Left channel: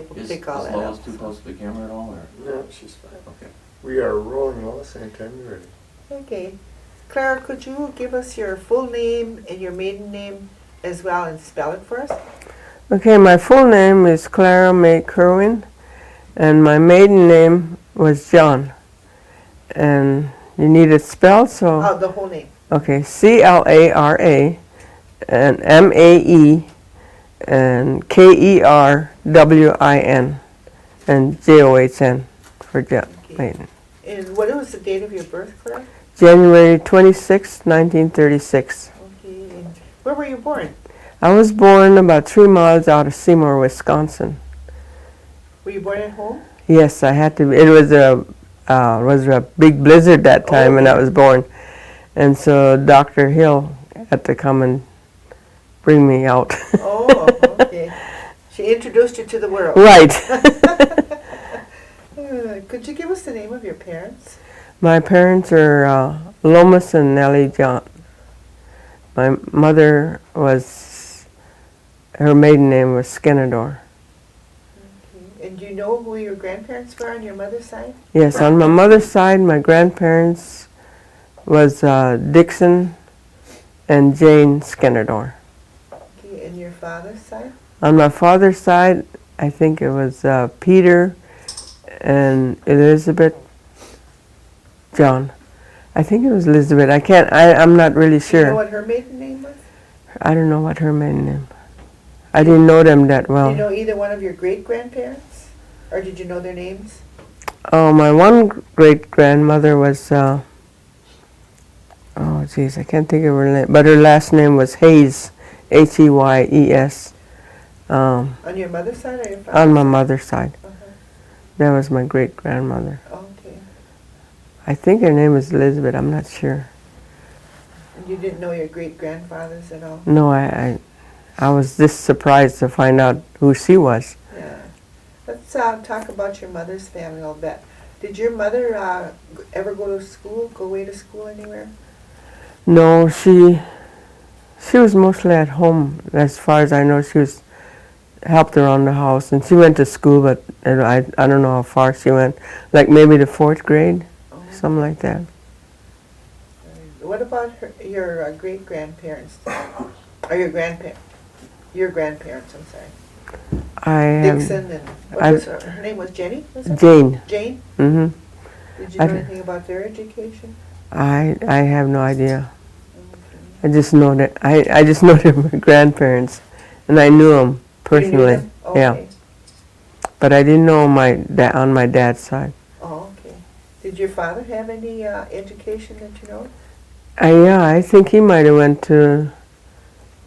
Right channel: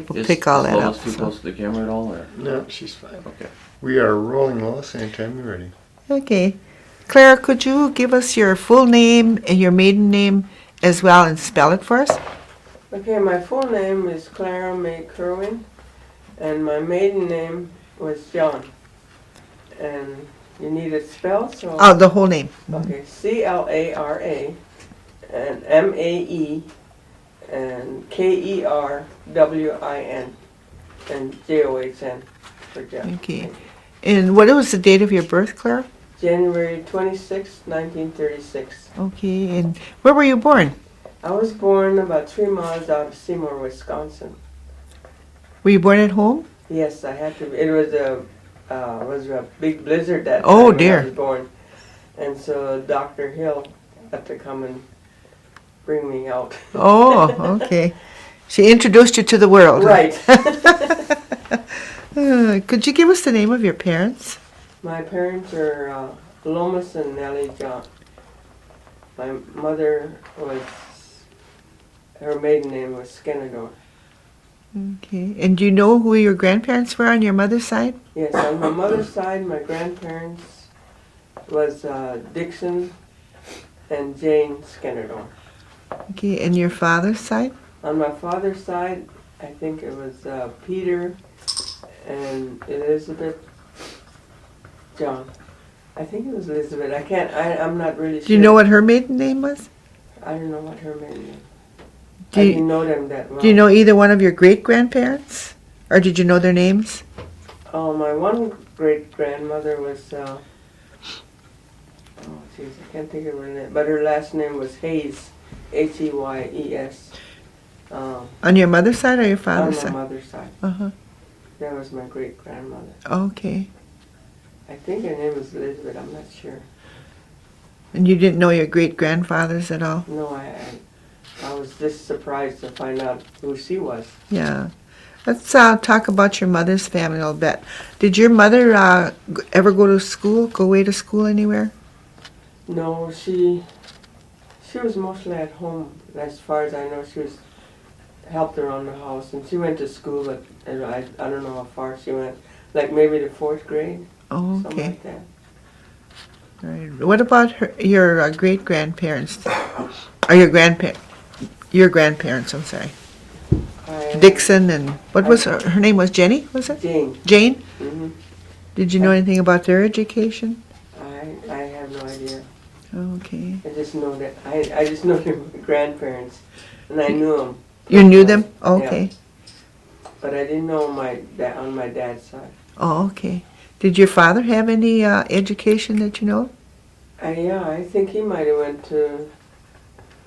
pick all that up. Is Lois too close to the camera at all? Or? No, she's fine. Okay. We are rolling, Lois, anytime you're ready. Okay. Clara, could you give us your full name and your maiden name as well and spell it for us? Okay, my full name is Clara May Kerwin, and my maiden name was John. And you need it spelled, so... Oh, the whole name. Okay, C-L-A-R-A, and M-A-E, and K-E-R-W-I-N, and J-O-H-N for John. Okay. And what was the date of your birth, Clara? January 26, 1936. Okay, and where were you born? I was born about 3 miles out of Seymour, Wisconsin. Were you born at home? Yes, I had to be. It was a big blizzard that time when I was born. And so Dr. Hill had to come and bring me out. Oh, okay. She introduced you to the world. Right. Could you give us the name of your parents? My parents are Lomas and Nellie John. My mother her maiden name was Skenador. Okay. And do you know who your grandparents were on your mother's side? Yes, on my mother's side, my grandparents was Dixon and Jane Skenador. Okay, and your father's side? On my father's side, I think it was Peter and Elizabeth John. I think it was Elizabeth. I'm not really sure. Do you know what her maiden name was? I don't know what her maiden name. I didn't know them that well. Do you know either one of your great-grandparents? Or did you know their names? Oh, my one great-grandmother was, I can't think of her name, but her last name was Hayes, H-E-Y-E-S. On your mother's side or your father's side? On my mother's side. Uh-huh. That was my great-grandmother. Okay. I think her name was Elizabeth, I'm not sure. And you didn't know your great-grandfathers at all? No, I was just surprised to find out who she was. Yeah. Let's talk about your mother's family a little bit. Did your mother ever go away to school anywhere? No, she was mostly at home. As far as I know, she helped around the house. And she went to school, but I don't know how far she went. Like maybe the 4th grade, something like that. Right. What about your great-grandparents? Or your grandparents, I'm sorry. Dixon and, what was her name was Jenny, was it? Jane. Jane? Mm-hmm. Did you know anything about their education? I have no idea. Okay. I just know that I just know they were grandparents, and I knew them personally. You knew them? Okay. Yeah. But I didn't know on my dad's side. Oh, okay. Did your father have any education that you know? Yeah, I think he might have went to.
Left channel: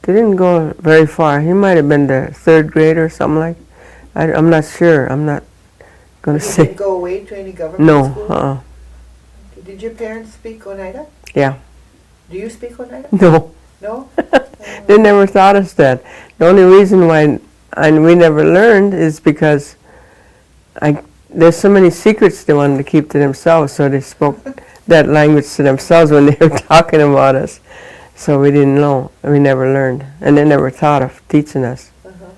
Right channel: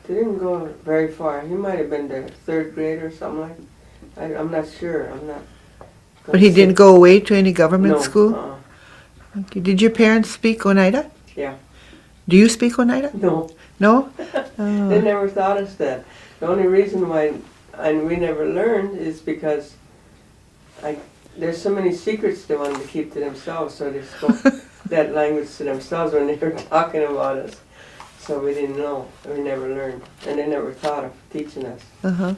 They didn't go very far. He might have been the 3rd grade or something like. I'm not sure. I'm not. But he didn't go away to any government school? No. Okay. Did your parents speak Oneida? Yeah. Do you speak Oneida? No. No? They never taught us that. The only reason why we never learned is because there's so many secrets they wanted to keep to themselves, so they spoke that language to themselves when they were talking about us. So we didn't know. We never learned. And they never thought of teaching us. Uh-huh.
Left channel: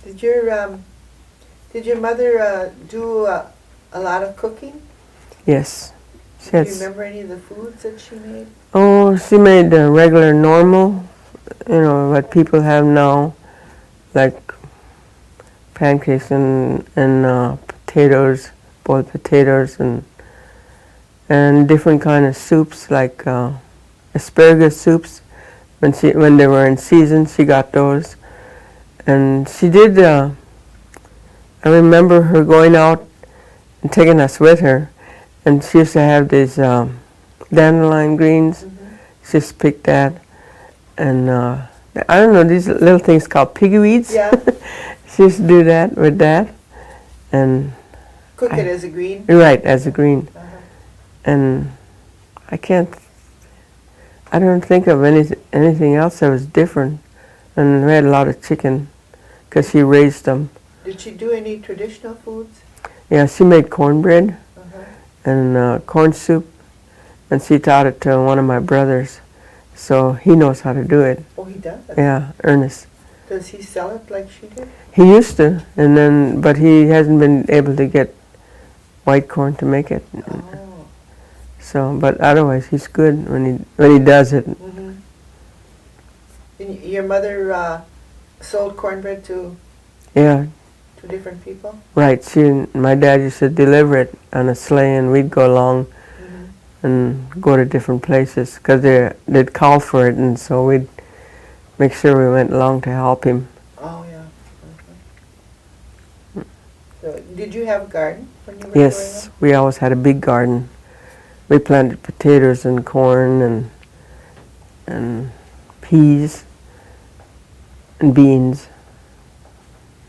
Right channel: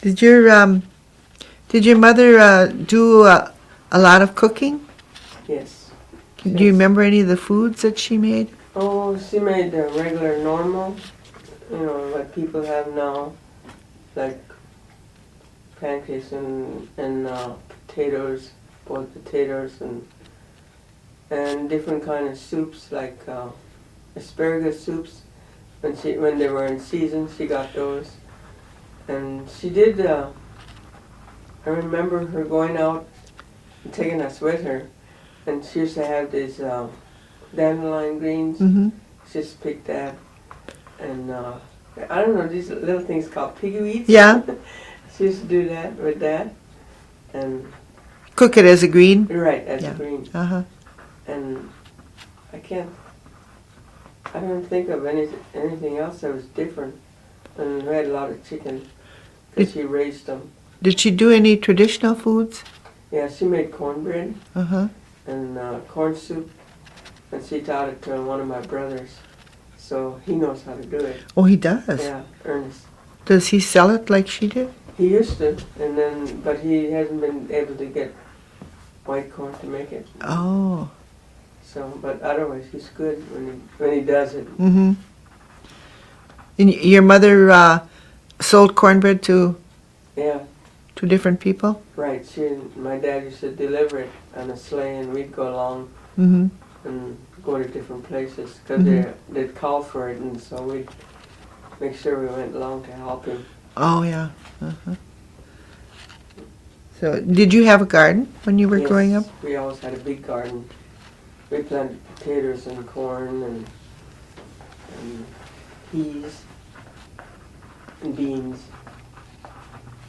Did your mother do a lot of cooking? Yes. Do you remember any of the foods that she made? Oh, she made the regular normal, what people have now, like pancakes and potatoes, boiled potatoes, and different kind of soups, like asparagus soups. When they were in season, she got those. And she did, I remember her going out and taking us with her, and she used to have these dandelion greens. Mm-hmm. She just picked that, and I don't know, these little things called piggy weeds. Yeah. She used to do that with that, and cook it as a green? Right, as a green. Uh-huh. And I don't think of anything else that was different. And we had a lot of chicken, because she raised them. Did she do any traditional foods? Yeah, she made cornbread Uh-huh. and corn soup, and she taught it to one of my brothers. So he knows how to do it. Oh, he does? Yeah, Ernest. Does he sell it like she did? He used to, and then, but he hasn't been able to get white corn to make it. Oh. So, but otherwise, he's good when he does it. Mm-hmm. And your mother sold cornbread to Yeah, different people? right. My dad used to deliver it on a sleigh, and we'd go along Mm-hmm. and go to different places because Mhm. they'd call for it, and so we'd make sure we went along to help him. Oh, yeah. Uh-huh. So, did you have a garden when you were growing up? Yes, we always had a big garden. We planted potatoes and corn and peas and beans.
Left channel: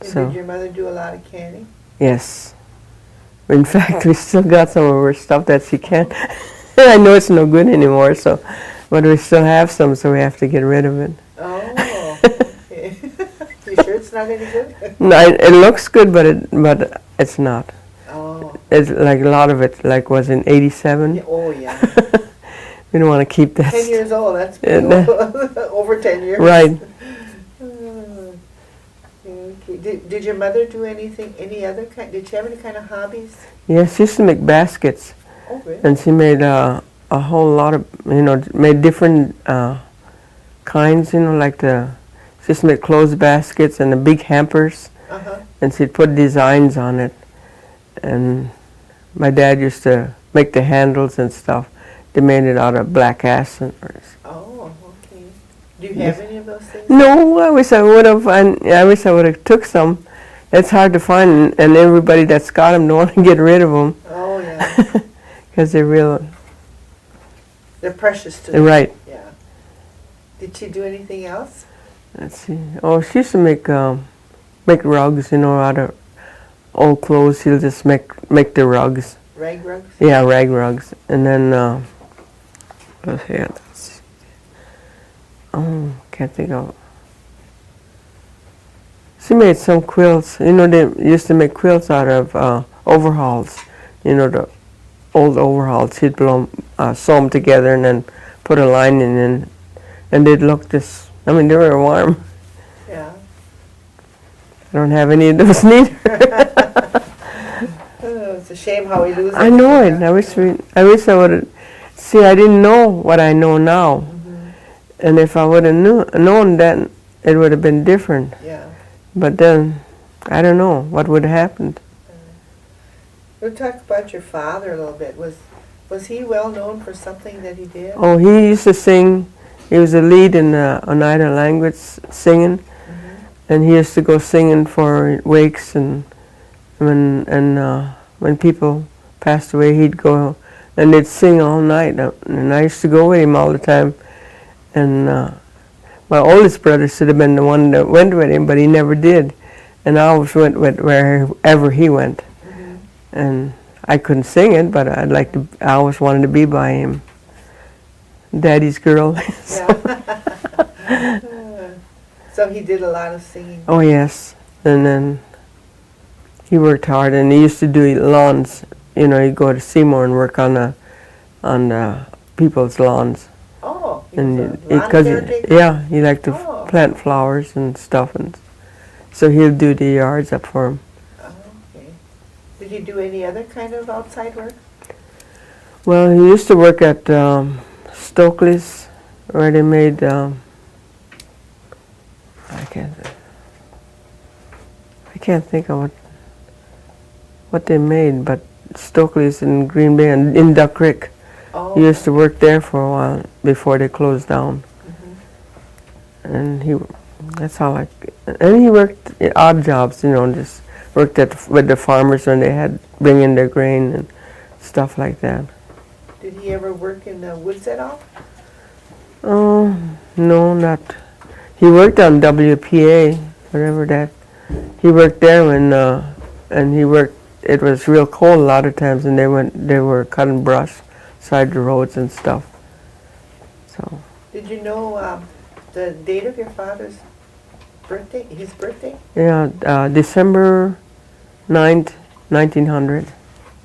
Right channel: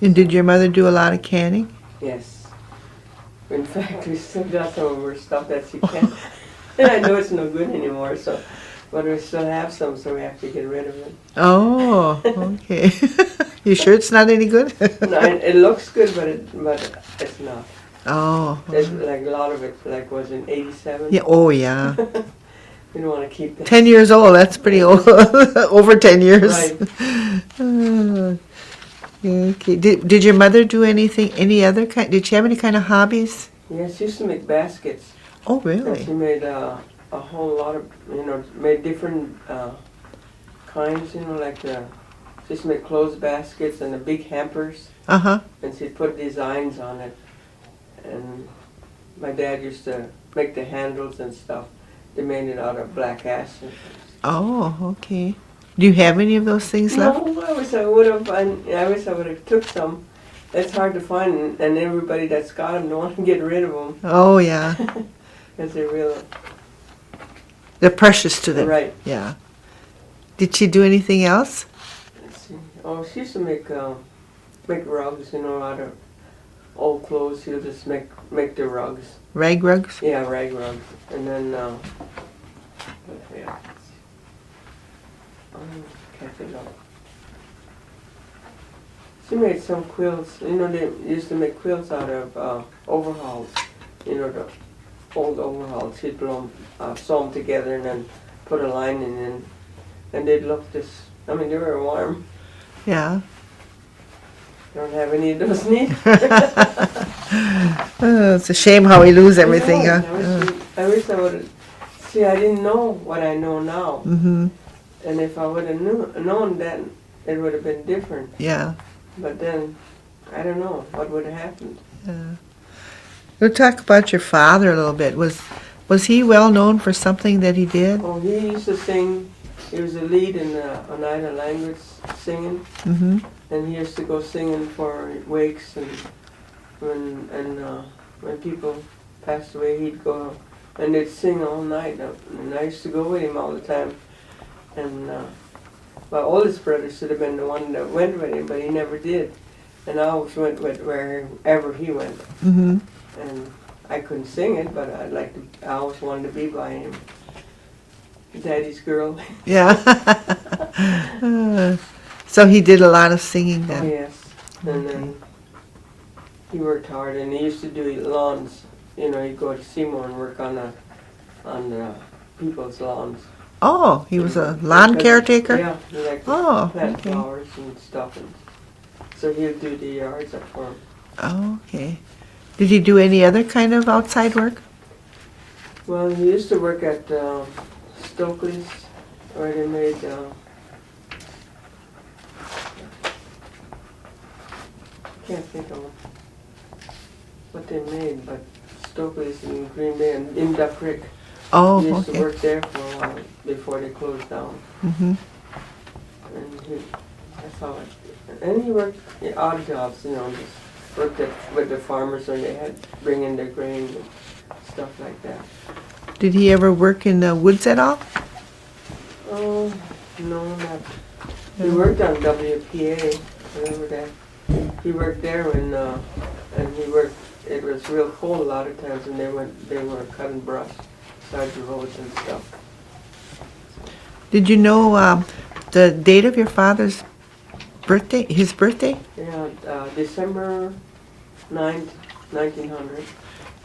And did So- your mother do a lot of canning? Yes. In fact, we still got some of her stuff that she can't. I know it's no good anymore, so, but we still have some, so we have to get rid of it. Oh, okay. You sure it's not any good? No, it looks good, but it's not. Oh. It's like a lot of it, like was in '87. Yeah. Oh, yeah. We don't want to keep that. 10 years old, that's pretty Yeah. old. Over 10 years. Right. Okay. Did your mother do anything, any other kind, did she have any kind of hobbies? Yeah, she used to make baskets, Oh, really? and she made a whole lot of, made different kinds, like she used to make clothes baskets and the big hampers, Uh-huh. and she'd put designs on it. And my dad used to make the handles and stuff. They made it out of black acid. Oh, okay. Do you have any of those things? No, I wish I would have. I wish I would have took some. It's hard to find, and everybody that's got them don't want to get rid of them Oh, yeah. because they're real. They're precious to them. Right. Yeah. Did she do anything else? Let's see. Oh, she used to make rugs, out of old clothes. She'll just make the rugs. Rag rugs? Yeah, rag rugs, and then let's see. Oh, can't think of. She made some quilts. They used to make quilts out of overalls. The old overalls. She'd sew them together and then put a lining in, and they'd look they were warm. Yeah. I don't have any of those neither. It's a shame how we lose I everything. know it. Huh? I wish I would have. See, I didn't know what I know now, Mm-hmm. and if I would have known then, it would have been different. Yeah. But then, I don't know what would have happened. We'll talk about your father a little bit. Was he well known for something that he did? Oh, he used to sing. He was a lead in the Oneida language singing, Mm-hmm. and he used to go singing for wakes, and when people passed away, he'd go and they'd sing all night. And I used to go with him all the time. And my oldest brother should have been the one that went with him, but he never did. And I always went with wherever he went. Mm-hmm. And I couldn't sing it, but I always wanted to be by him. Daddy's girl. Yeah. So he did a lot of singing. Oh, yes. And then he worked hard, and he used to do lawns. He'd go to Seymour and work on the people's lawns. Oh, he was a And lawn because- caretaker? Yeah, he liked to Oh, plant okay. flowers and stuff, and so he'll do the yards up for him. Oh, okay. Did he do any other kind of outside work? Well, he used to work at Stokely's, where they made. I can't think of what they made, but Stokely's in Green Bay and in Duck Creek. Oh, He used to okay. work there for a while before they closed down, Mm-hmm. and that's how and he worked odd jobs, just worked with the farmers when they had bring in their grain and stuff like that. Did he ever work in the woods at all? Oh, no, not. He worked on WPA, whatever that. He worked there and he worked. It was real cold a lot of times, and they were cutting brush side the roads and stuff. So. Did you know the date of your father's birthday? His birthday? Yeah, December 9th, 1900.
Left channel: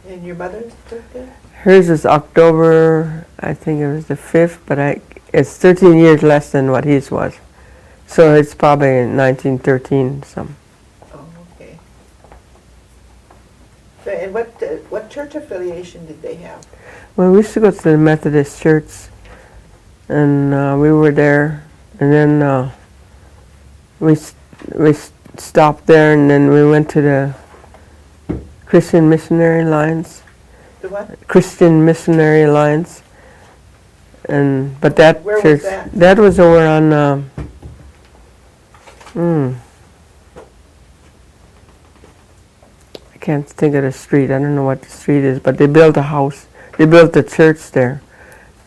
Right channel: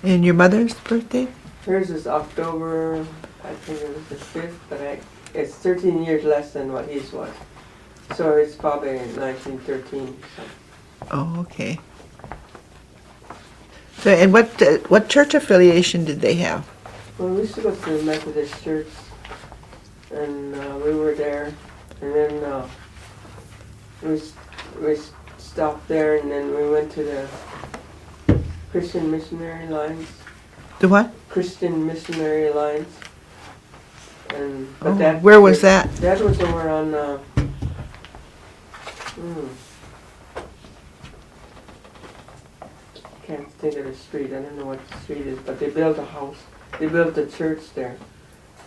And your mother's birthday? Hers is October, I think it was the 5th, but it's 13 years less than what his was. So it's probably 1913, some. Oh, okay. So, and what church affiliation did they have? Well, we used to go to the Methodist church, and we were there, and then we stopped there, and then we went to the Christian Missionary Alliance. The what? Christian Missionary Alliance, but that where was church- that? That was over on. I can't think of the street. I don't know what the street is, but they built a house. They built a church there,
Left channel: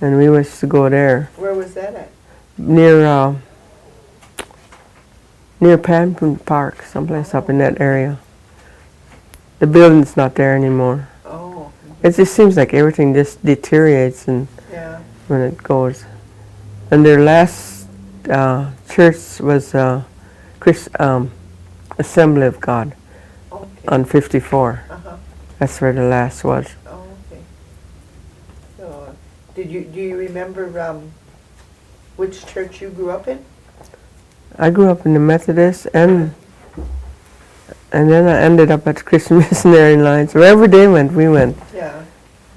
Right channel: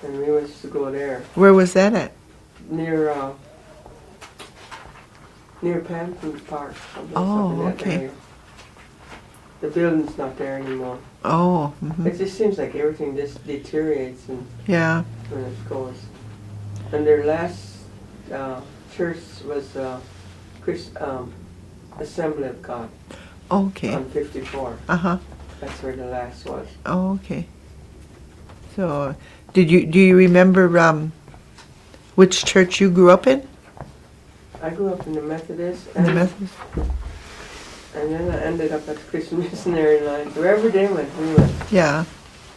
and we used to go there Where was that at? near Panton Park, someplace up in Oh, that okay. area. The building's not there anymore. Oh, It just seems like everything just deteriorates and yeah. when it goes. And their last church was Assembly of God Okay. on 54. Uh-huh. That's where the last was. Oh, okay. So, do you remember which church you grew up in? I grew up in the Methodist, and then I ended up at the Christian Missionary Alliance. Wherever they went, we went. Yeah.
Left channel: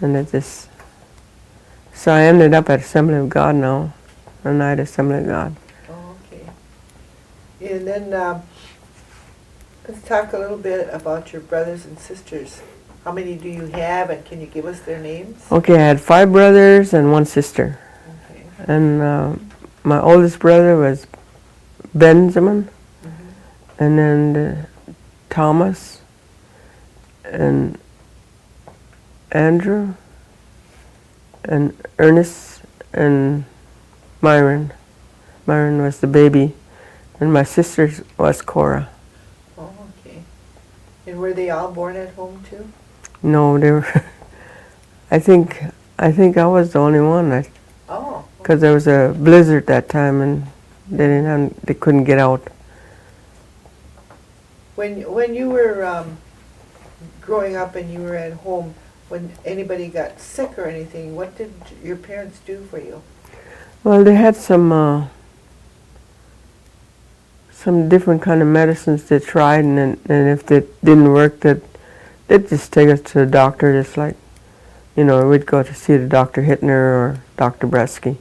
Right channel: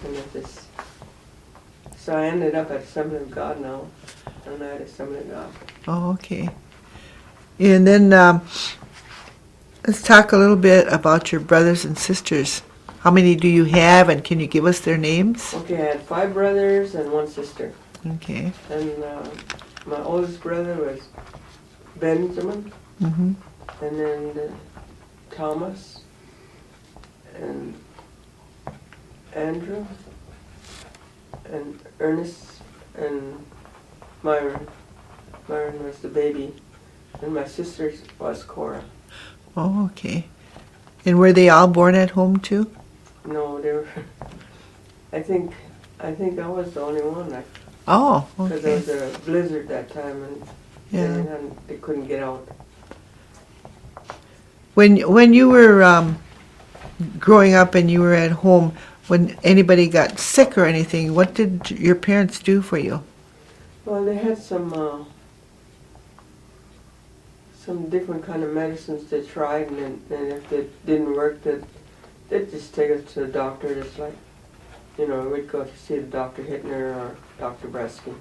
And it just... So I ended up at Assembly of God now, Night Assembly of God. Oh, okay. And then let's talk a little bit about your brothers and sisters. How many do you have, and can you give us their names? Okay, I had 5 brothers and 1 sister. Okay. And my oldest brother was Benjamin, Mm-hmm. and then Thomas, and Andrew, and Ernest, and Myron. Myron was the baby, and my sister was Cora. Oh, okay. And were they all born at home too? No, they were. I think I was the only one, Oh. because there was a blizzard that time, and Yeah. they couldn't get out. When you were growing up and you were at home, when anybody got sick or anything, what did your parents do for you? Well, they had some different kind of medicines they tried, and if they didn't work, they'd just take us to the doctor. Just like, we'd go to see the Dr. Hittner or Dr. Bresky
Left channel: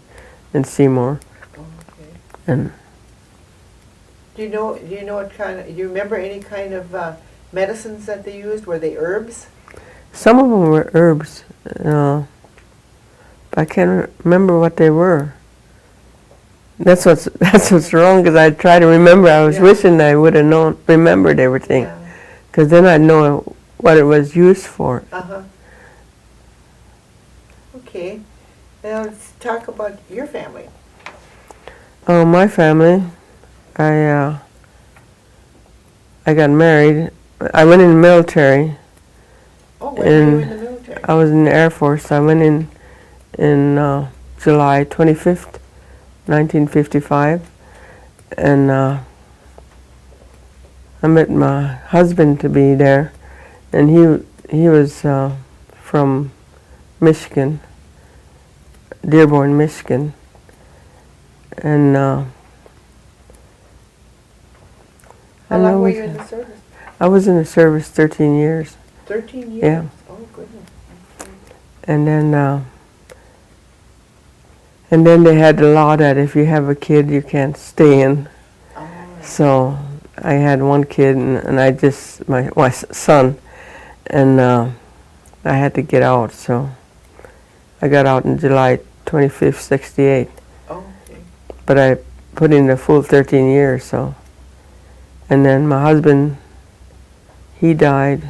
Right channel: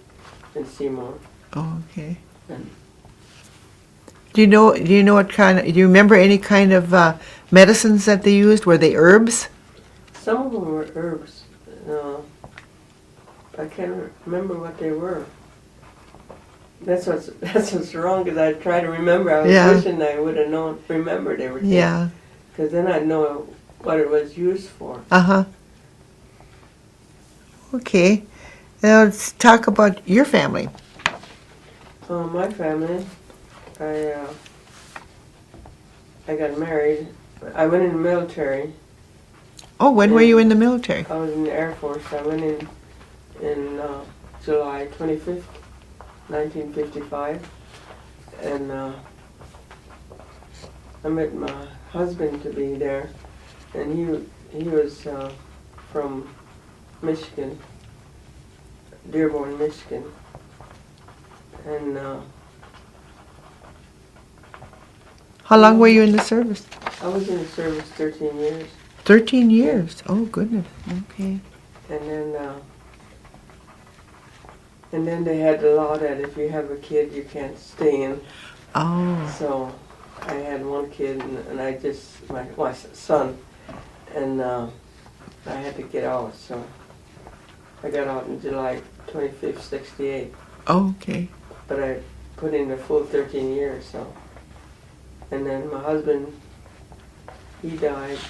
in Seymour. Oh, okay. And Do you know what kind of? Do you remember any kind of medicines that they used? Were they herbs? some of them were herbs, but I can't remember what they were. That's what's wrong, because I try to remember. I was Yeah. wishing I would have remembered everything, Yeah. because then I'd know what it was used for. Uh-huh. Okay. Now let's talk about your family. My family, I got married. I went in the military. Oh, when were you in the military? I was in the Air Force. I went in July 25th, 1955, and I met my husband to be there, and he was from Michigan, Dearborn, Michigan, and How long were you in the service? I was in the service 13 years. 13 years. Oh, goodness. Okay. And then they had the law that if you have a kid, you can't stay in. Oh. So I had 1 kid, and my son, and I had to get out. So I got out in July 25th, 68. Oh, okay. But I put in the full 13 years. So, and then my husband, he died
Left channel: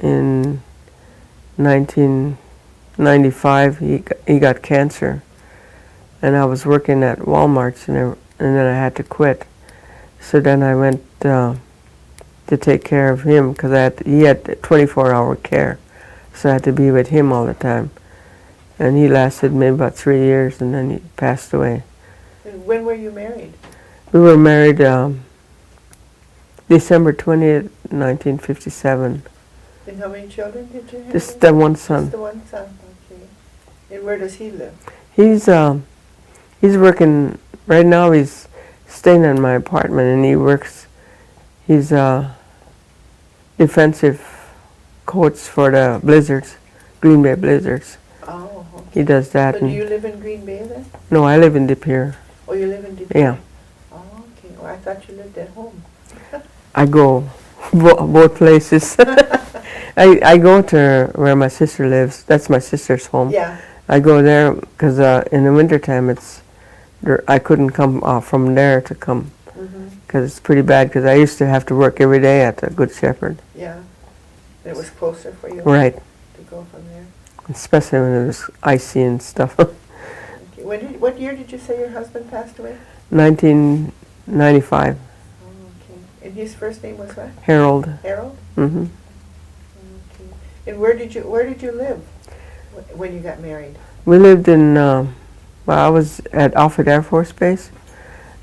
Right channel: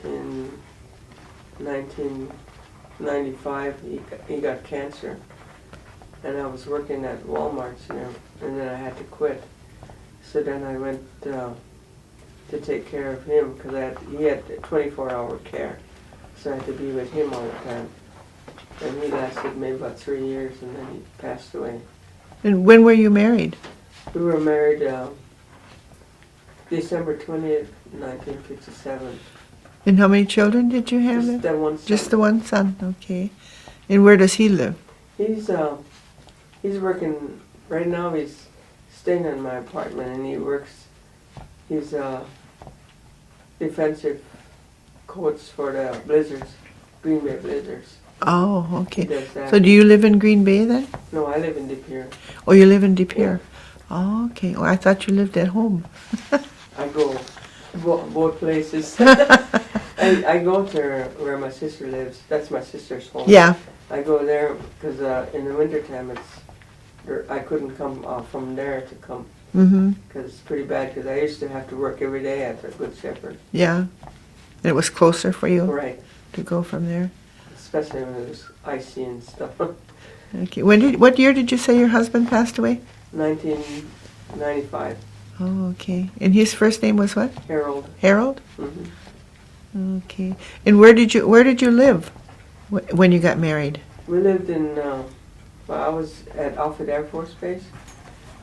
in 1995. He got cancer, and I was working at Walmart, and then I had to quit. So then I went to take care of him, because he had 24-hour care, so I had to be with him all the time. And he lasted maybe about 3 years, and then he passed away. And when were you married? We were married December 20th, 1957. And how many children did you have? Just the one son. Just the one son, okay. And where does he live? He's working right now. He's staying in my apartment, and he works. He's defensive coats for the blizzards, Green Bay blizzards. Oh, okay. He does that. So do you live in Green Bay then? No, I live in De Pere. Oh, you live in De Pere? Yeah. Oh, okay. Well, I thought you lived at home. I go both places. I go to where my sister lives. That's my sister's home. Yeah. I go there because in the wintertime I couldn't come from there to come because it's pretty bad because I used to have to work every day at the Good Shepherd. Yeah. It was closer for you Right. to go from there. Especially when it was icy and stuff. Okay. What year did you say your husband passed away? 1995. Oh, okay. And his first name was what? Harold. Harold? Hmm. Okay. And where did you live when you got married? We lived in, I was at Alfred Air Force Base.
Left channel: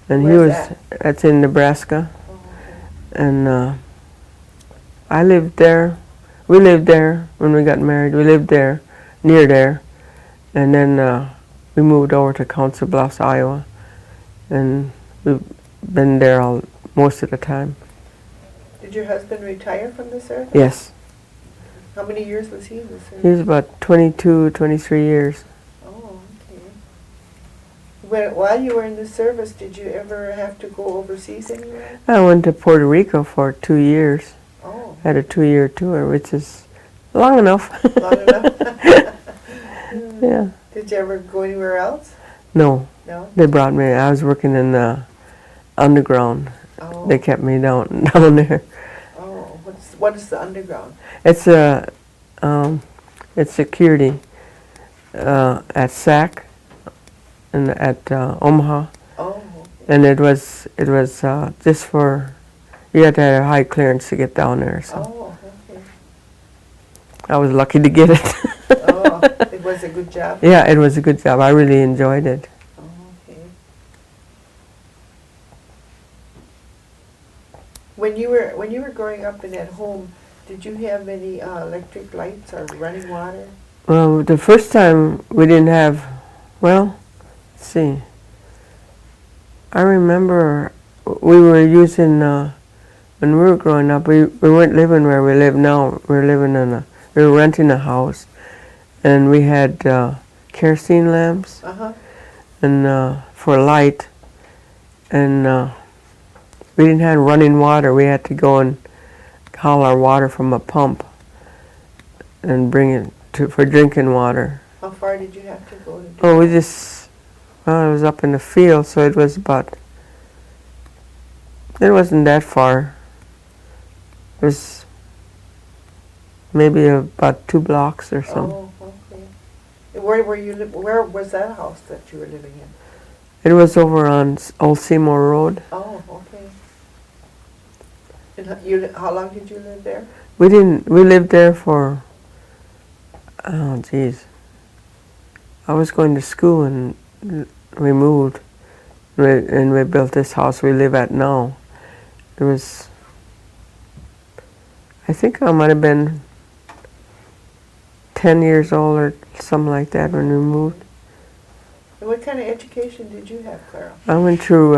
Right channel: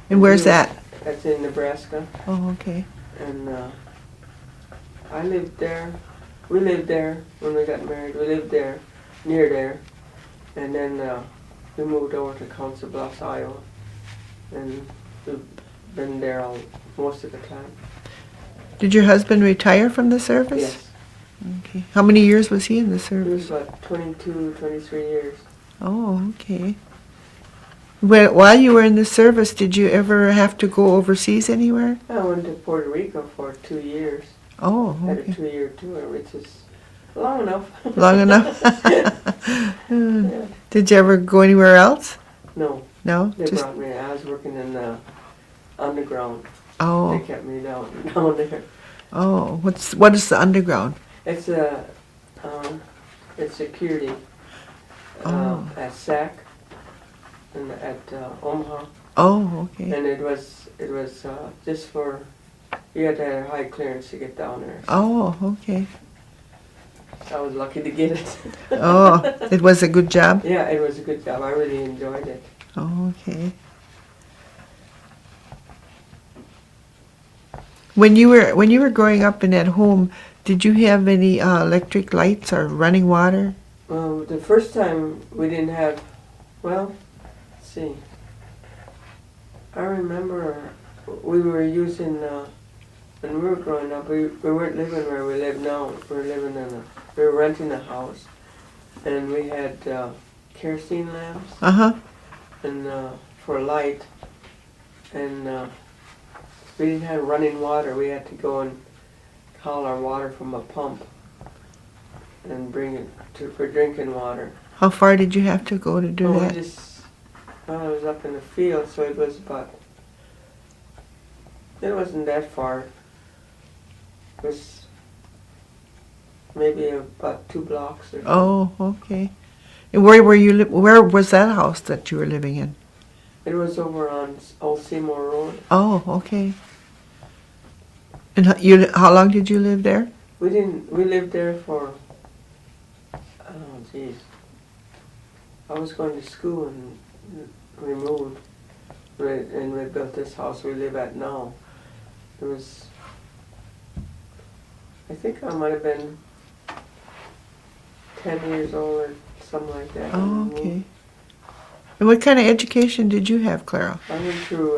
And where's that? That's in Nebraska. Oh, okay. And I lived there. We lived there when we got married. We lived there, near there. And then we moved over to Council Bluffs, Iowa. And we've been there most of the time. Did your husband retire from the service? Yes. Okay. How many years was he in the He service? was about 22, 23 years. Oh, okay. While you were in the service, did you ever have to go overseas anywhere? I went to Puerto Rico for 2 years. Oh, Had a okay. 2-year tour, which is long enough. Long enough? Yeah. Did you ever go anywhere else? No, No? they brought me. I was working in the underground. Oh, They kept me down there. oh. What is the underground? It's it's security at SAC and at Omaha, Oh, okay. and it was just for you had to have a high clearance to get down there. So Oh, okay. I was lucky to get it. Oh, it was a good job? Yeah, it was a good job. I really enjoyed it. Oh, okay. When you were growing up and at home, did you have any electric lights or running water? Well, the first time we didn't have, well, let's see. I remember we were using, when we were growing up, we weren't living where we live now. We were renting a house, and we had kerosene lamps Uh-huh. and for light, and we didn't have running water. We had to go and haul our water from a pump and bring it for drinking water. How far did you have to go to do Oh, we that? just, well, it was up in the field, so it was it wasn't that far. It was maybe about 2 blocks or something. Oh, okay. And where was that house that you were living in? It was over on Old Seymour Road. Oh, okay. And how long did you live there? We lived there for, oh geez. I was going to school and we moved and we built this house we live at now. It was, I think I might have been 10 years old or something like that when we moved. And what kind of education did you have, Clara? I went through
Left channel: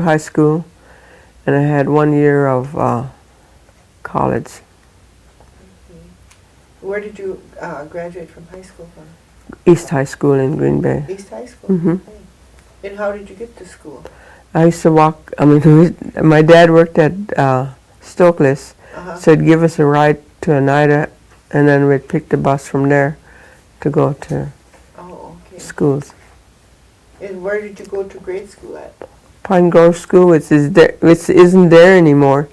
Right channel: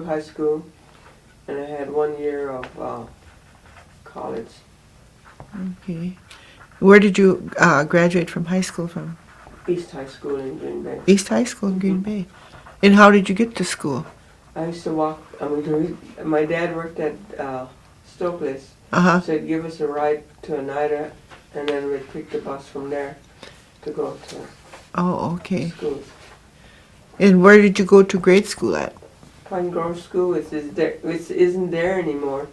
high school, and I had 1 year of college. Okay. Where did you graduate from high school from? East High School in Green Bay. East High School in Green Bay. And how did you get to school? I used to walk. I mean, my dad worked at Stokely's, Uh-huh. so he'd give us a ride to Oneida, and then we'd pick the bus from there to go to Oh, okay. schools. And where did you go to grade school at? Pine Grove School, which isn't there anymore.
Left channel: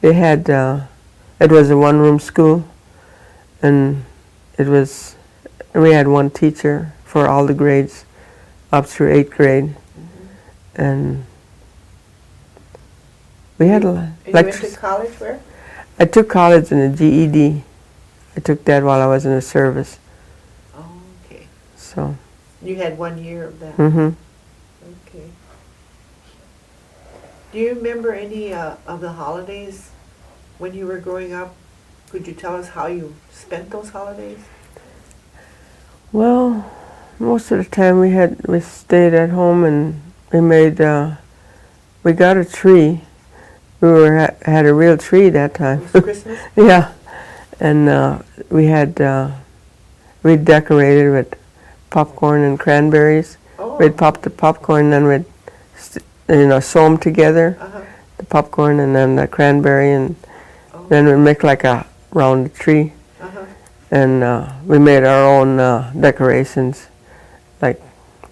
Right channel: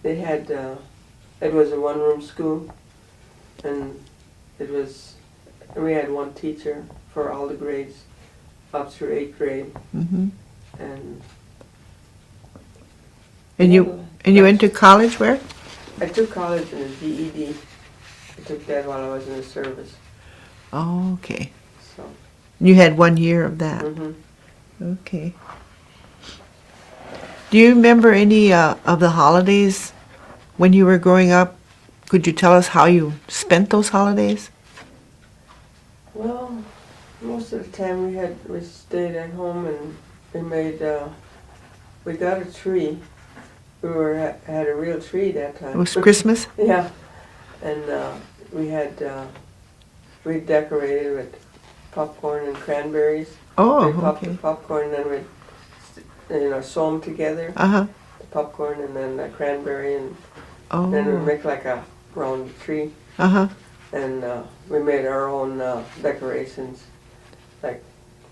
They had it was a one-room school, and we had one teacher for all the grades up through 8th grade, and we And had you went to college where? I took college in a GED. I took that while I was in the service. Oh, okay. So. You had 1 year of that. Mhm. Okay. Do you remember any of the holidays when you were growing up? Could you tell us how you spent those holidays? Well, most of the time we stayed at home and we got a tree, We had a real tree that It time. was Christmas? Yeah, and we decorated with popcorn and cranberries. Oh, We'd pop the okay. popcorn, and then we'd sew them together, Uh-huh. the popcorn and then the cranberry, and Oh. then we'd make like a round tree. Uh-huh. And we made our own decorations, like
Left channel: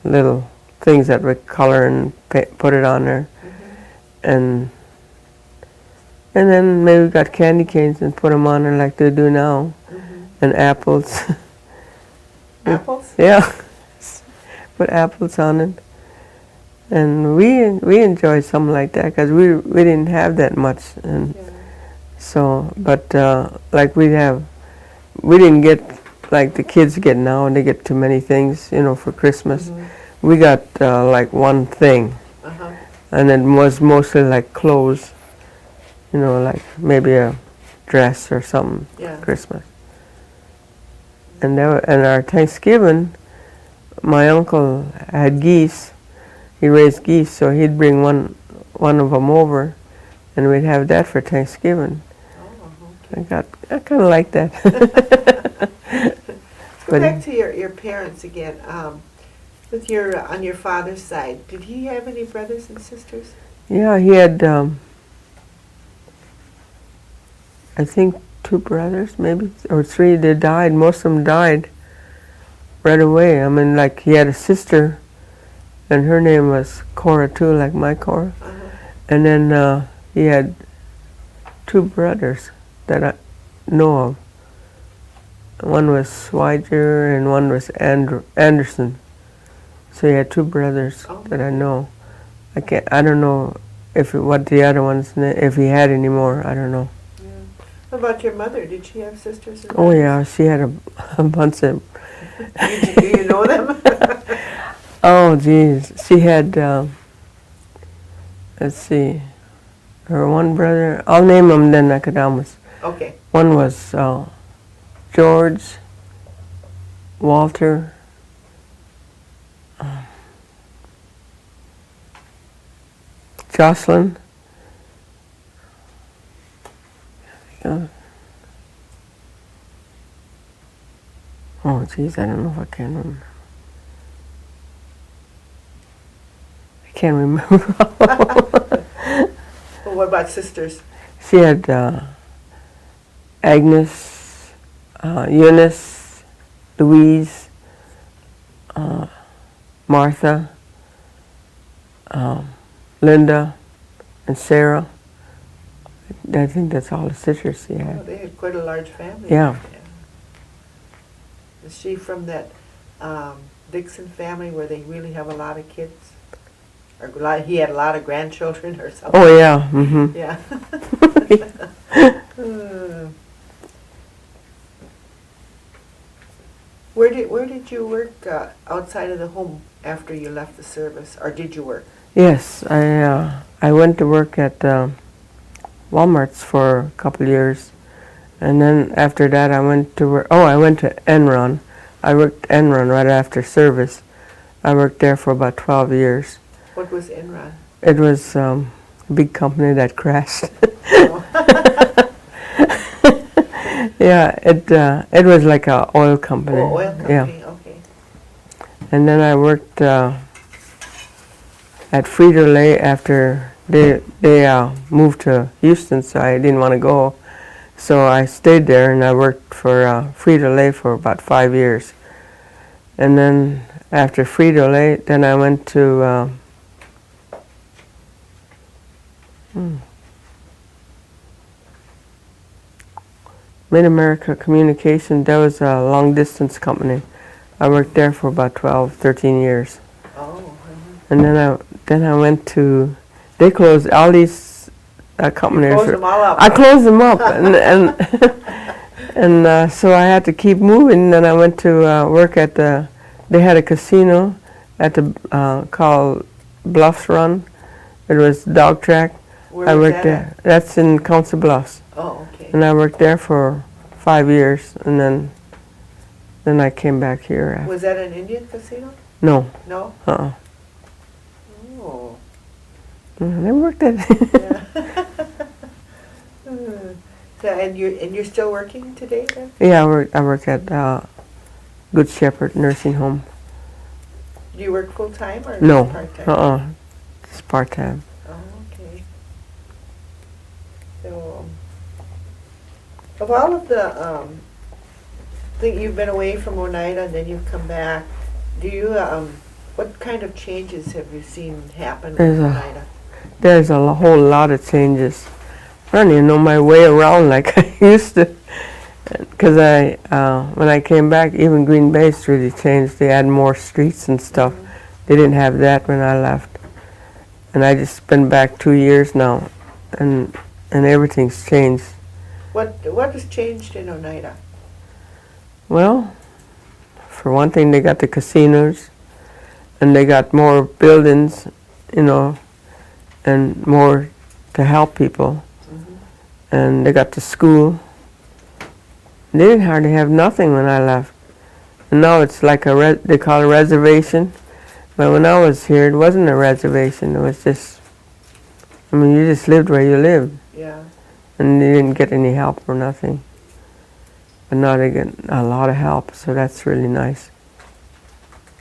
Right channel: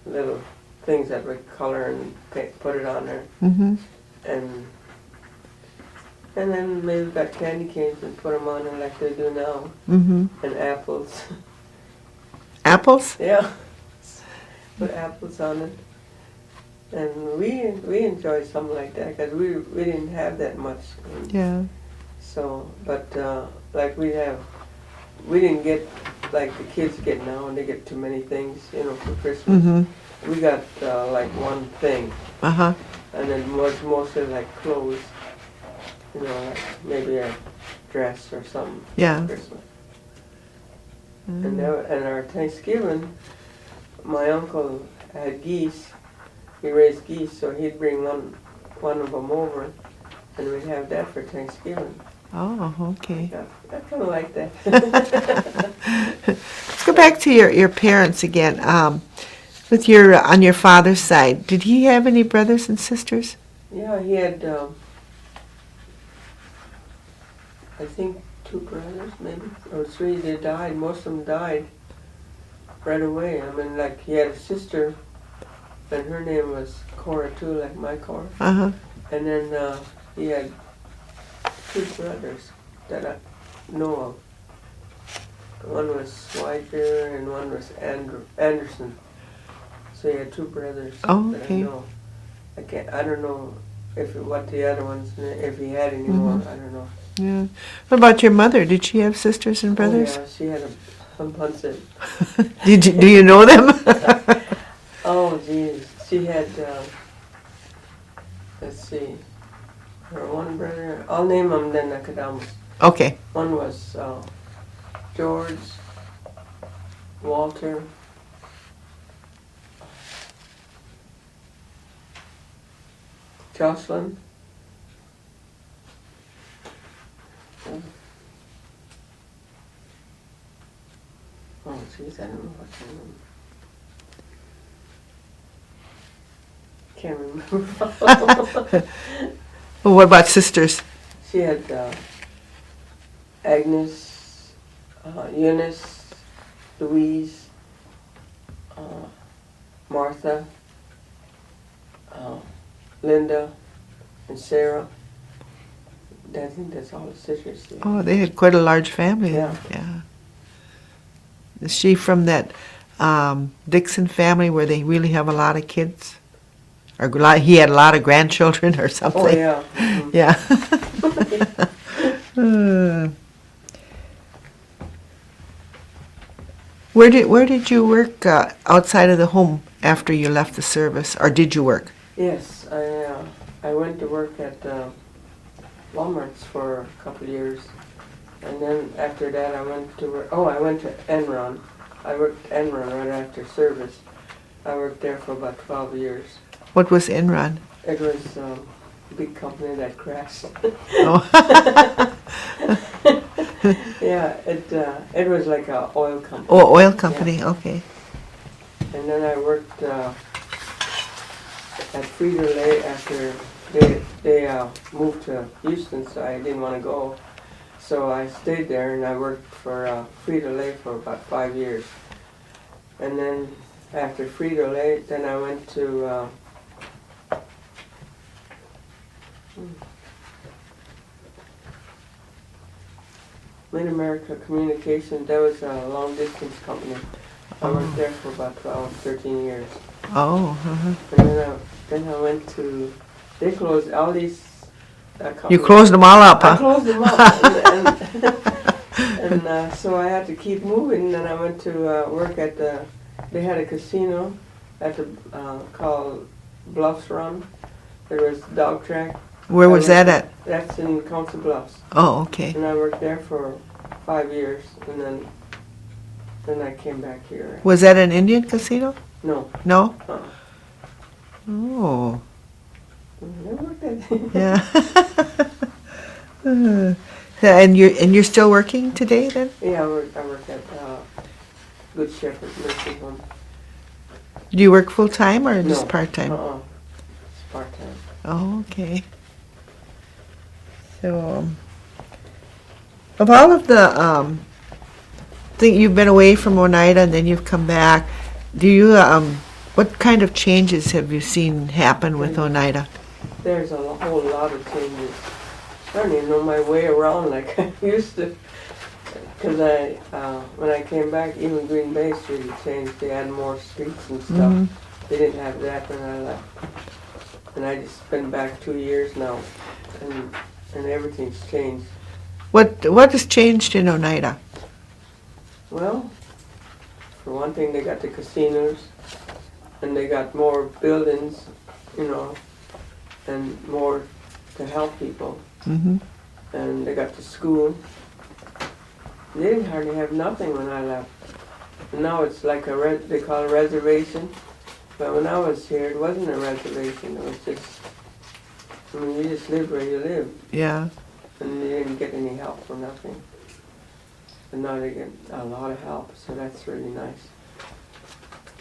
little things that we color and put it on there. Mm-hmm. And then maybe we got candy canes and put them on there like they do now. Mm-hmm. And apples. Apples? Yeah, put apples on it. And we enjoyed something like that because we didn't have that much. And Yeah. so, but like we didn't get like the kids get now, and they get too many things, for Christmas. Mm-hmm. We got like one thing, Uh-huh. and it was mostly like clothes, like maybe a dress or something Yeah. for Christmas. And our Thanksgiving, my uncle had geese. He raised geese, so he'd bring one of them over, and we'd have that for Thanksgiving. Oh, okay. I kind of like that. Let's go back to your parents again. With on your father's side, did he have any brothers and sisters? Yeah, he had, I think, 2 brothers, maybe, or 3. They died. Most of them died right away. I mean, like, he had a sister, and her name was Clara, too, like my Cora. Uh-huh. And then he had 2 brothers that I know of. One was Swiger, and one was Anderson. So he had 2 brothers that I okay. know. I don't know what the other ones, if he had any more, I don't know. Yeah. What about your mother? Did she have sisters and Oh brothers? yeah, she had a bunch of. Do you know them? Oh geez, she had. Let's see, her one brother. I'll name them then. I could almost. Okay. One was George, Walter. Jocelyn. Oh, geez, I don't know if I can remember. I can't remember. Well, what about sisters? She had Agnes, Eunice, Louise, Martha, Linda, and Sarah. I think that's all the sisters she had. Oh, they had quite a large family. Yeah. Yeah. Is she from that Dixon family where they really have a lot of kids? Or he had a lot of grandchildren or something? Oh, yeah. Mm-hmm. Yeah. Where did you work outside of the home after you left the service, or did you work? Yes, I went to work at Walmart's for a couple of years, and then after that I went to work. Oh, I went to Enron. I worked Enron right after service. I worked there for about 12 years. What was Enron? It was a big company that crashed. Oh. Yeah, it was like an oil company. Oh, oil company. Yeah. Okay. And then I worked at Frito-Lay after they moved to Houston, so I didn't want to go. So I stayed there and I worked for Frito-Lay for about 5 years. And then after Frito-Lay, then I went to Mid-America Communication. That was a long-distance company. I worked there for about 12, 13 years. Oh. Uh-huh. And then I went to, they closed all these companies. You closed them all up. I huh? closed them up, and so I had to keep moving. Then I went to work at they had a casino at the called Bluffs Run. It was dog track. Where I was worked that there. at? That's in Council Bluffs. Oh, okay. And I worked there for 5 years, and then I came back here. Was that an Indian casino? No. No? Uh-uh. Oh. I never worked at Yeah. And you're still working today then? Yeah, I work at Good Shepherd Nursing Home. Do you work full time or No. just part time? It's part-time. Oh, okay. So, of all of the think you've been away from Oneida and then you've come back, do you what kind of changes have you seen happen with Oneida? There's a whole lot of changes. I don't even know my way around like I used to. Because when I came back, even Green Bay's really changed. They had more streets and stuff. Mhm. They didn't have that when I left. And I just been back 2 years now, and everything's changed. What has changed in Oneida? Well, for one thing, they got the casinos, and they got more buildings, and more to help people. Mm-hmm. And they got the school. They didn't hardly have nothing when I left. And now it's like they call it a reservation. But when I was here, it wasn't a reservation. It was just, you just lived where you lived. Yeah. And they didn't get any help or nothing. But now they get a lot of help, so that's really nice.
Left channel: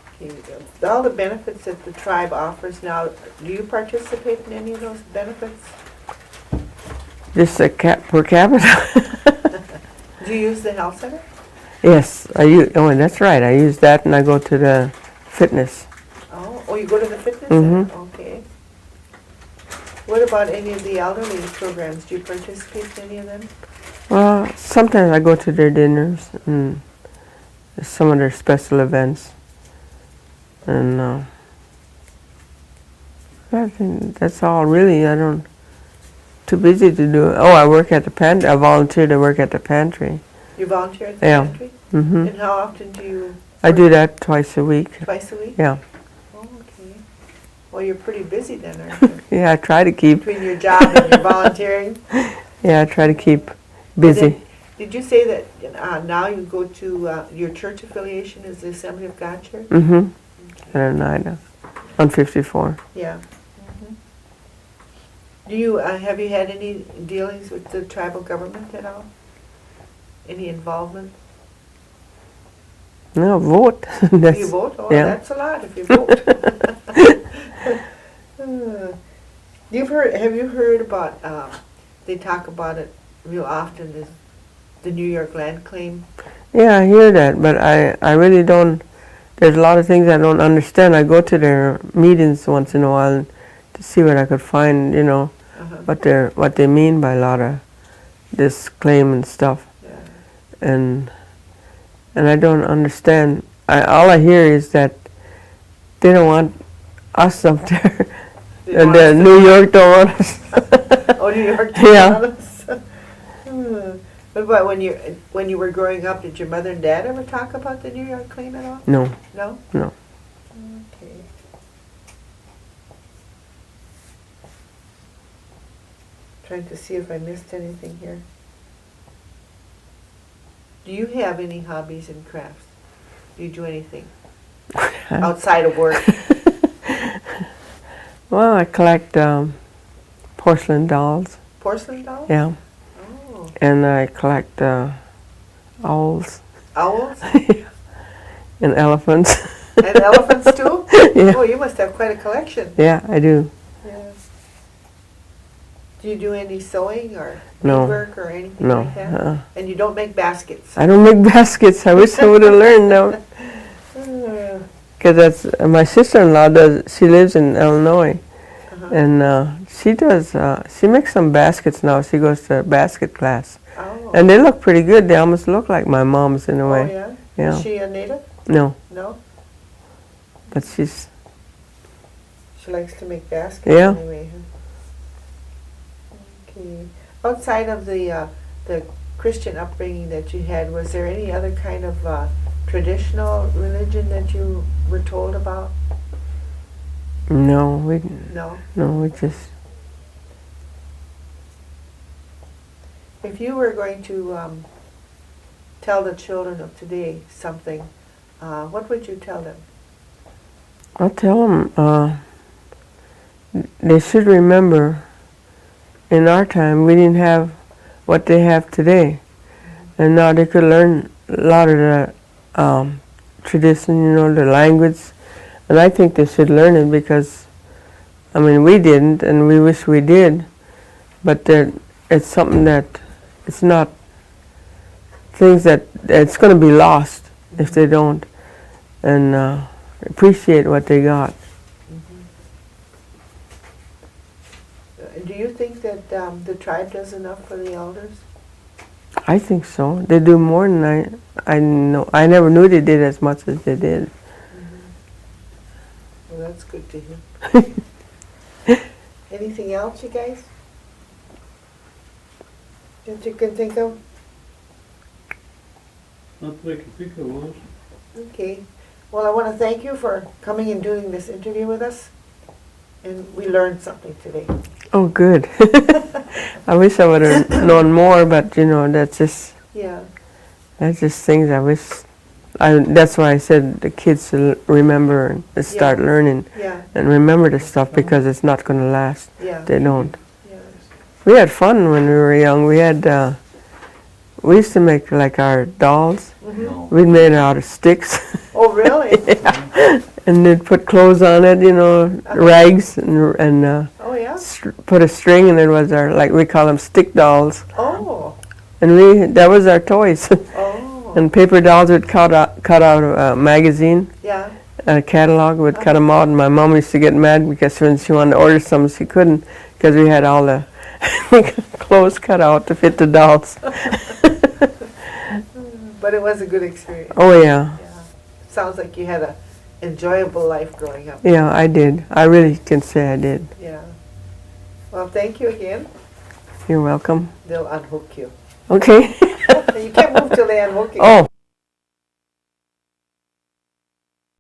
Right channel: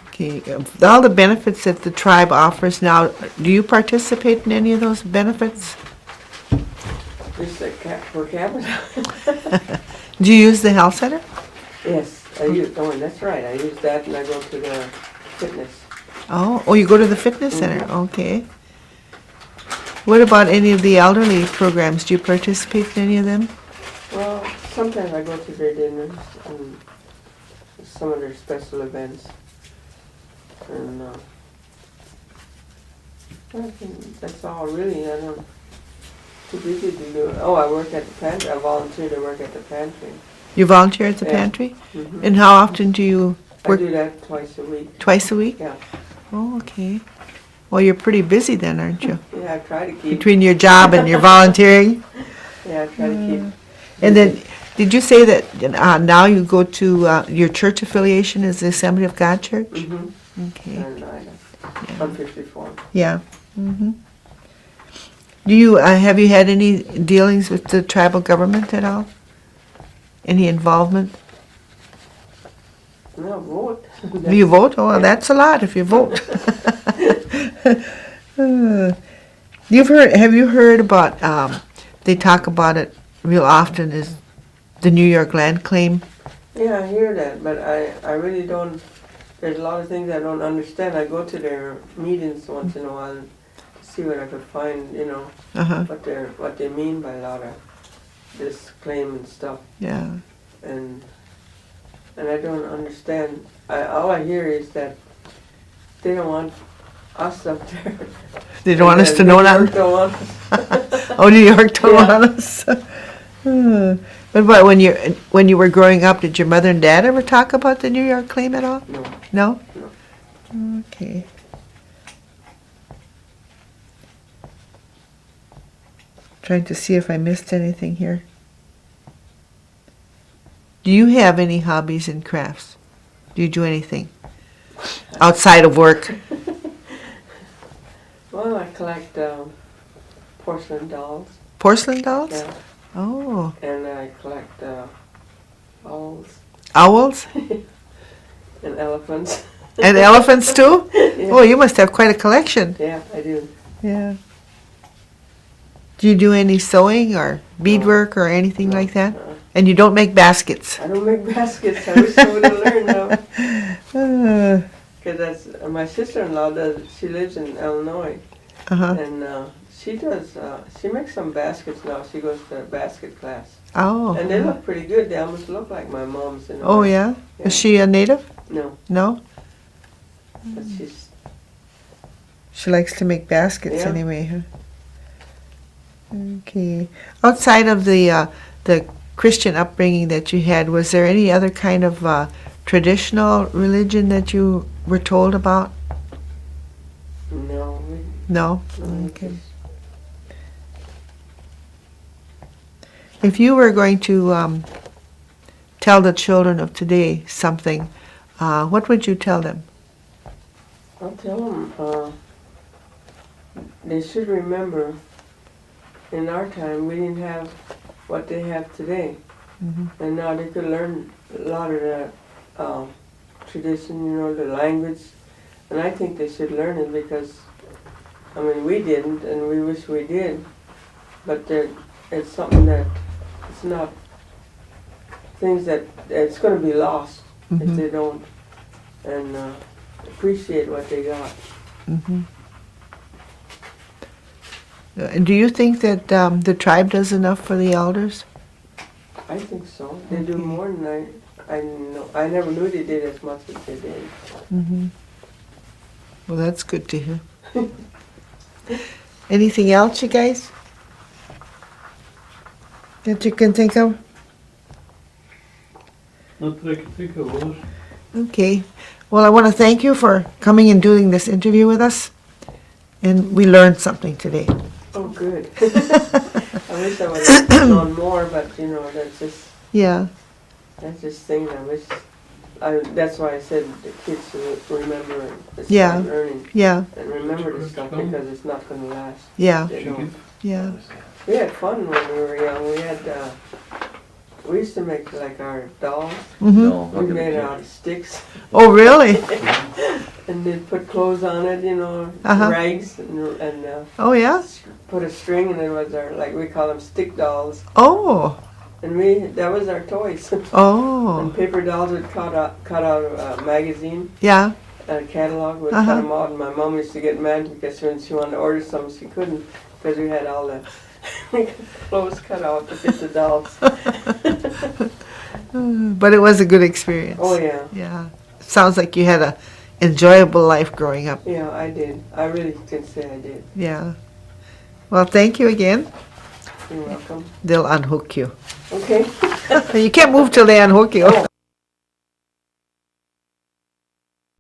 Okay. All the benefits that the tribe offers now, do you participate in any of those benefits? Just per capita. Do you use the health center? Yes, that's right. I use that, and I go to the fitness. Oh, you go to the fitness center? Okay. What about any of the elderly programs? Do you participate in any of them? Well, sometimes I go to their dinners and some of their special events. And I think that's all really. Too busy to do it. Oh, I work at the pantry. I volunteer to work at the pantry. You volunteer at the pantry? Mm-hmm. And how often do you I do that twice a week. Twice a week? Yeah. Oh, okay. Well, you're pretty busy then, aren't you? Yeah, I try to keep. Between your job and your volunteering? Yeah, I try to keep busy. And then, did you say that now you go to, your church affiliation is the Assembly of God Church? Mm-hmm. Okay. In Oneida, on 54. Yeah. Mm-hmm. Do you, have you had any dealings with the tribal government at all? Any involvement? No, vote. Do you vote? Oh, yeah. that's a lot if you vote. Have you heard about, they talk about it real often, is the New York land claim? Yeah, I hear that, but I really don't, there's a lot of things I don't understand. I go to their meetings once in a while to see what I could find, what they mean by a lot of this claim and stuff. Yeah. And I don't understand. All I hear is that they don't want us up there. They don't want us to know New York don't want us. Oh, New York don't Yeah. want us. But when you were growing up, did your mother and dad ever talk about the New York claim at all? No. No? No. Okay. Trying to see if I missed anything here. Do you have any hobbies and crafts? Do you do anything outside of work? Well, I collect porcelain dolls. Porcelain dolls? Yeah. Oh. And I collect owls. Owls? And elephants. And elephants too? Yeah. Oh, you must have quite a collection. Yeah, I do. Yeah. Do you do any sewing or beadwork or anything No. like that? And you don't make baskets? I don't make baskets. I wish I would have learned them. Uh, Because that's my sister-in-law does. She lives in Illinois, uh-huh. and she does. She makes some baskets now. She goes to basket class, Oh. and they look pretty good. They almost look like my mom's in a way. Oh, yeah? Yeah. Is she a native? No, No? but she's. She likes to make baskets Yeah. anyway, huh? Okay. Outside of the Christian upbringing that you had, was there any other kind of traditional religion that you were told about? No, No? we just. If you were going to tell the children of today something, what would you tell them? I'll tell them they should remember, in our time, we didn't have what they have today. And now they could learn a lot of the tradition, you know, the language. And I think they should learn it because, I mean, we didn't, and we wish we did. But it's something that, it's not, things that, it's going to be lost if they don't. And appreciate what they got. Do you think that the tribe does enough for the elders? I think so. They do more than I know. I never knew they did as much as they did. Well, that's good to hear. Anything else, you guys? That you can think of? Not that I can think of, Lois. Okay. Well, I want to thank you for coming and doing this interview with us. And we learned something today. Oh, good. I wish I would have known more, but you know, that's just things I wish. That's why I said the kids should remember and start learning and remember the stuff because it's not going to last. Yeah. They don't. Yeah. We had fun when we were young. We used to make like our dolls. We made it out of sticks. Oh, really? And they'd put clothes on it, you know, rags and Oh, yeah? put a string, and it was our, like we call them stick dolls. Oh. And that was our toys. Oh. And paper dolls would cut out a magazine, Yeah. a catalog, would cut them out, and my mom used to get mad because when she wanted to order some, she couldn't because we had all the clothes cut out to fit the dolls. But it was a good experience. Oh, yeah. Yeah. Sounds like you had a enjoyable life growing up. Yeah, I did. I really can say I did. Yeah. Well, thank you again. You're welcome. They'll unhook you. Okay. You can't move till they unhook you. Oh.